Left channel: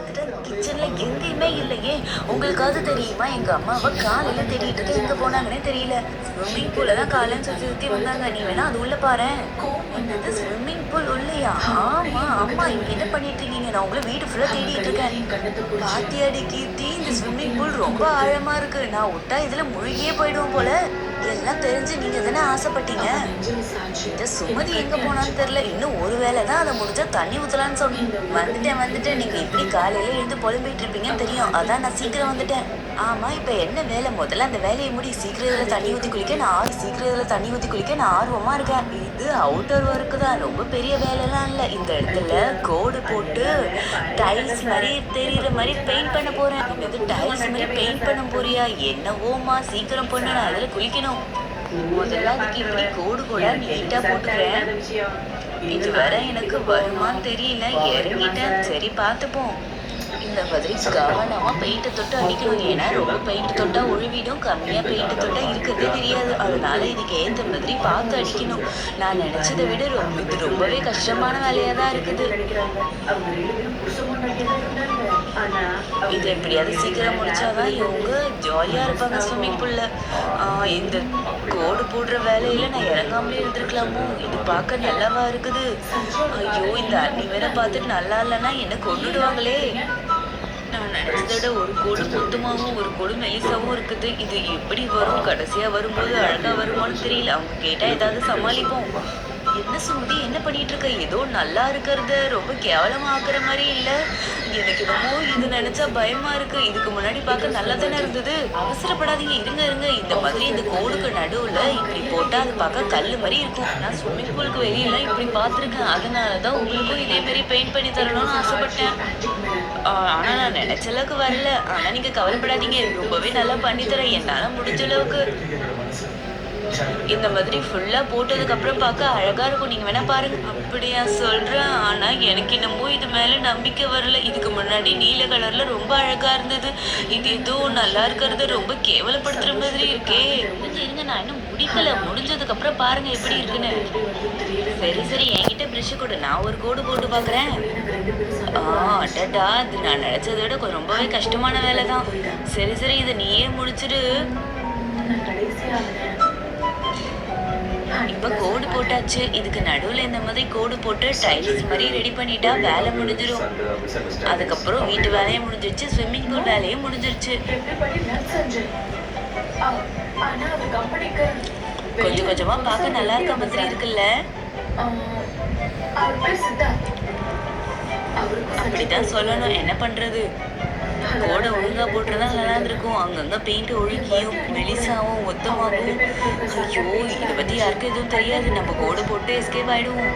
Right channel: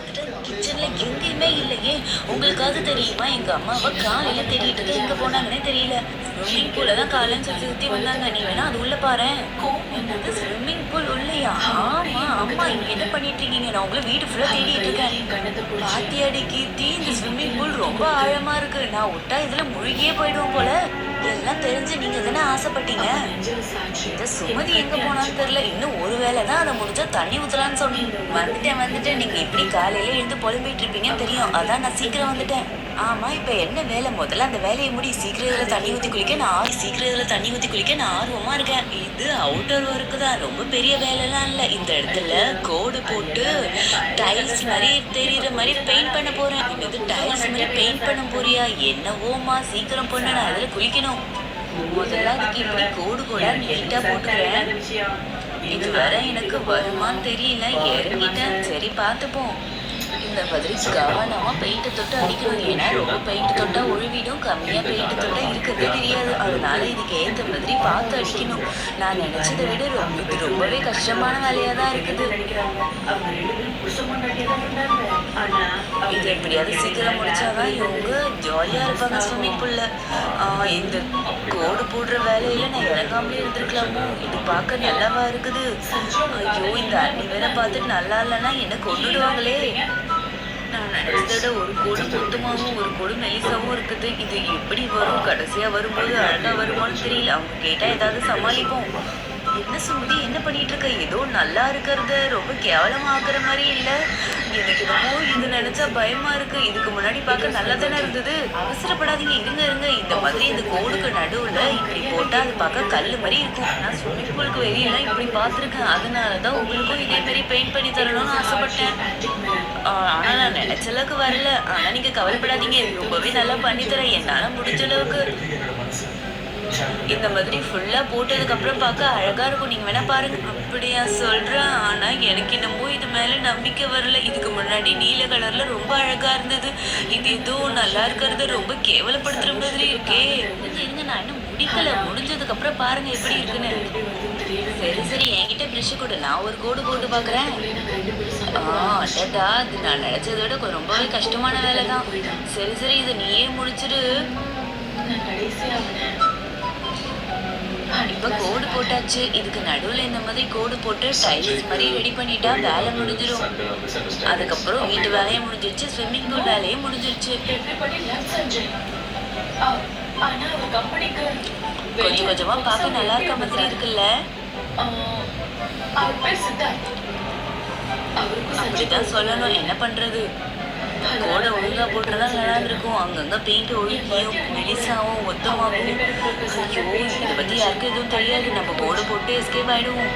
பார்த்துட்டு கிச்சன்ல எங்கேயுமே இல்லையே. உங்களுக்காவது தெரியுமா? எங்க அம்மாவை காலையில தேடிட்டு இருக்கேன், எங்க போனாங்கன்னே தெரியல. ஸ்விம்மிங் பூல தான் காலைன்னு சுத்தி சுத்தி வந்தாங்க. நீ வேணா அது உள்ள பாரேன். என்னது ஸ்விம்மிங் பூல் உள்ளையா? ஆமா அம்மா, இங்க என்ன பண்ணிட்டு இருக்கீங்க? நான் உங்களை வீடு ஃபுல்லா தேடிட்டு இருக்கேன். பாத்தியாடி கீர்த்தி, இந்த ஸ்விம்மிங் பூல் ரொம்ப ஆழமா இருக்கு. நான் விட்டா இதுல முழுகியே போயிடுவோம் போல. எல்லாம் தெரிஞ்சு நீங்க தானே ஆசைப்பட்டீங்க. இந்த சுமதி எங்க போனான்னு தெரியல. இன்னும் ஒரு வேளை தான், அதை முடிஞ்சா தண்ணி ஊத்தலான்னு சொன்னேன். வந்துட்டேன். நீங்க இப்படி காலையில எழுந்து புலம்பிட்டு இருப்பீங்கன்னு தெரியும், அதான் நான் சீக்கிரம் வந்துட்டேன். ஆமா, இப்ப என்ன வேலை? முதல்ல அந்த வேலையை முடி. சீக்கிரம் இதுல தண்ணி ஊத்தி குளிக்க நான் ஆர்வமா இருக்கேன். இது அவுட்டர் ஒர்க்கு தான், ரொம்ப பெரிய வேலைலாம் இல்ல. இந்த இடத்துல கோடு போட்டு டைல்ஸ் மாதிரி தெரியுற மாதிரி பெயிண்ட் பண்ண போறேன். இது டைல்ஸ் மாதிரி பெயிண்ட் பண்ண போறியா? என்னவோமா, சீக்கிரம் பண்ணு, நான் அதுல குளிக்கணும். முதல்ல அதுக்கு இப்படி கோடு கூட நீட்டா போட்டுக்கிறேன். இது வர எனக்கு வருமானு தெரியல, இறங்கிட்டேன். சரி பார்த்துப்போம். இந்த மாதிரி கவனமா பெயிண்ட் தொட்டு அடிக்கணும். ஏன்னா ரொம்ப பெயிண்ட் தொட்டா ஒழுவிடும், கம்மியா பெயிண்ட் தொட்டா இருக்கிறதே தெரியாது. அதனால இதுக்கு ஏற்ற மாதிரி பார்த்து அடிக்கணும். நான் நினைச்சதை விட இது ரொம்பவே கஷ்டமான வேலையா தான் இருக்குது. இது எப்படியாவது சீக்கிரம் முடிச்சாதான் இவங்க ஜாலியா இருப்பாங்க ஸ்விம்மிங் பூல்ல. இந்த கோடு போடுற வேலையில நான் இறங்காமலே இருந்திருக்கலாமோ. இது பார்க்க நல்லாவா இருக்குது. ஐயோ, இந்த அண்ணி வேற பார்த்துட்டு நல்லா இல்லைன்னா என்ன கொண்டுடுவாங்களே. நான் நினைச்சத விட ஒரு கோடு மொத்தமாகவும் ஒரு கோடு மெலிசாவும் இருக்குது. இது எப்படி வரும்? கடைசியா வரும்போது அழகா வருமானு தெரியல. அவங்க கேட்டா ஏதாவது சமாளிப்போம். என்ன சுமதி, என்ன பண்ணிட்டு இருக்க? ஏதோ நல்லா இருக்கிறது ரொம்ப கேவலமா ஆக்குற மாதிரி இல்ல. எனக்கு என்னமோ இது நினைச்சா பயமா இருக்கு. இதுக்கு முன்னாடி பார்க்க நல்லா தானே இருந்தது. அவசரப்படாதீங்க, இருங்க. இந்த மாதிரி இந்த கோடுக்கு நடுவுல இப்படி போட்டா அது பார்க்க கல்லு மாதிரி இருக்கும். நான் ஸ்விம்மிங் பூலுக்கு வெளியெல்லாம் இப்படி பார்த்துருக்கேன். அதனாலதான் உங்களுக்கும் இதே மாதிரி பெயிண்ட் பண்ணி தரணும்னு ஆசைப்பட்டேன். ஆனா நான் நினைச்ச அளவுக்கு வரல. ஆனா நீங்க கவலைப்படாதீங்க, ரொம்பவே நல்லா பண்ணி தரேன் என்னால முடிஞ்ச அளவுக்கு. இந்த மாதிரி ஃபுல்லா போட்டதுக்கு அப்புறம் பார்க்க அழகா இருக்கும். நீங்க வேணா பாருங்க. அப்படியா சொல்றேன். ஆனா எனக்கு என்னமோ இது மேல நம்பிக்கை வரல. இதுக்கு முன்னாடி நீல கலர்ல ரொம்ப அழகா இருந்தது. இது ஏதோ நல்லா இருக்கிறது ரொம்ப கேவலப்படுத்துற மாதிரி இருக்கே. இருங்க, நான் இன்னும் முடிக்கல. முடிஞ்சதுக்கு அப்புறம் பாருங்க எப்படி இருக்குன்னு. சரி, என்கிட்ட பிரஷ் கொடு, நான் ஒரு கோடு போட்டு பாக்குறேன். அடடா, இது நான் நினைச்சதை விட ரொம்பவே கஷ்டமான வேலை தான். சரி, இதை நீயே முடிச்சிடு. இப்ப கோடு போட்டாச்சு. இதுக்கு நடுவுல இந்த மாதிரி கோடு போட்டு டைல்ஸ் மாதிரி ரெடி பண்ணிட்டா வேலை முடிஞ்சிடும். அதுக்கப்புறம் வீட்டு வேலையும் முடிஞ்சிருச்சு, ஸ்விம்மிங் பூல் வேலையும் முடிஞ்சிருச்சு. கொஞ்சமா பார்க்க நல்லா இருக்க மாதிரி இருக்குல்ல. அப்படிதான் சொல்லணும், என்ன பண்றது. கோடை ஒழுங்கா போட்டுதான் நல்லா இருந்திருக்கும். அங்கங்க பெயிண்ட் ஒழுங்கியும் மெலிசாவும் மொத்தமாகவும். ஐயோ, இதை பத்தி யாருக்கும் எதுவும் தெரியாது. நம்ம கோடை போட்டு எஸ்கேப் ஆயிடுவோம்.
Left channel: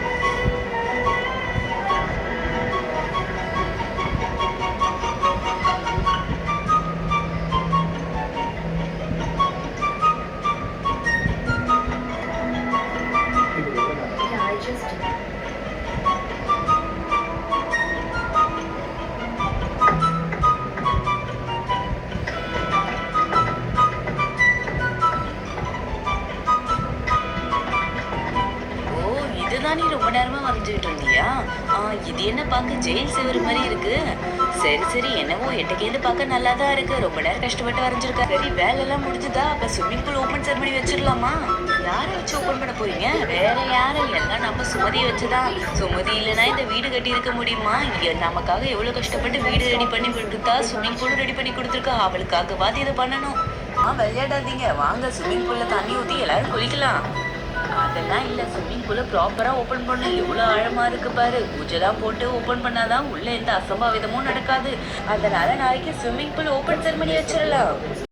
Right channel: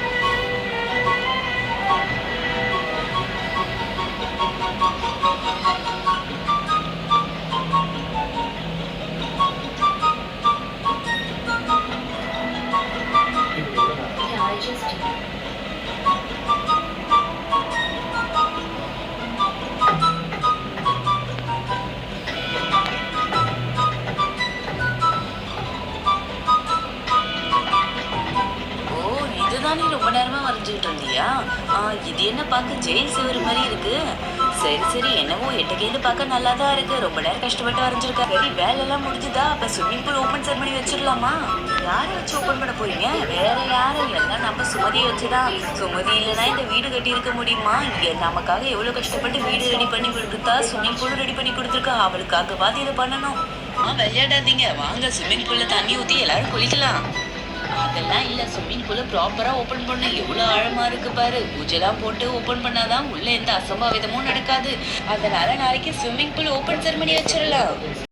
இதுதான் நீ ரொம்ப நேரமா வரைஞ்சுக்கிட்டு இருந்தியா? இது என்ன பார்க்க ஜெயில் சிவர் மாதிரி இருக்கு. சரி, என்னவோ எட்டக்கேந்து பார்க்க நல்லா தான் இருக்கு. ரொம்ப நேரம் கஷ்டப்பட்டு வரைஞ்சிருக்க. சரி, வேலையெல்லாம் முடிஞ்சுதா? அப்ப ஸ்விம்மிங் பூல் ஓப்பன் செரமனி வச்சிடலாமா? யாரை வச்சு ஓப்பன் பண்ண போறீங்க? வேற யாரும் எல்லாம் நம்ம சுமதியை வச்சுதான். சுமதி இல்லைன்னா இந்த வீடு கட்டி இருக்க முடியுமா? நமக்காக எவ்வளவு கஷ்டப்பட்டு வீடு ரெடி பண்ணி கொடுத்தா, ஸ்விம்மிங் பூலும் ரெடி பண்ணி கொடுத்துருக்கா. அவளுக்காகவாது இதை பண்ணணும். விளையாடாதீங்க, வாங்க ஸ்விம்மிங் பூல்ல தண்ணி ஊத்தி எல்லாரும் குளிக்கலாம். அதெல்லாம் இல்ல, ஸ்விம்மிங் பூல ப்ராப்பரா ஓபன் பண்ண. எவ்வளவு ஆழமா இருக்கு பாரு. பூஜெல்லாம் போட்டு ஓபன் பண்ணாதான் உள்ள எந்த அசம்பாவிதமும் நடக்காது. அதனால நாளைக்கு ஸ்விம்மிங் பூல் ஓபன் செரமனி வச்சிடலாம்.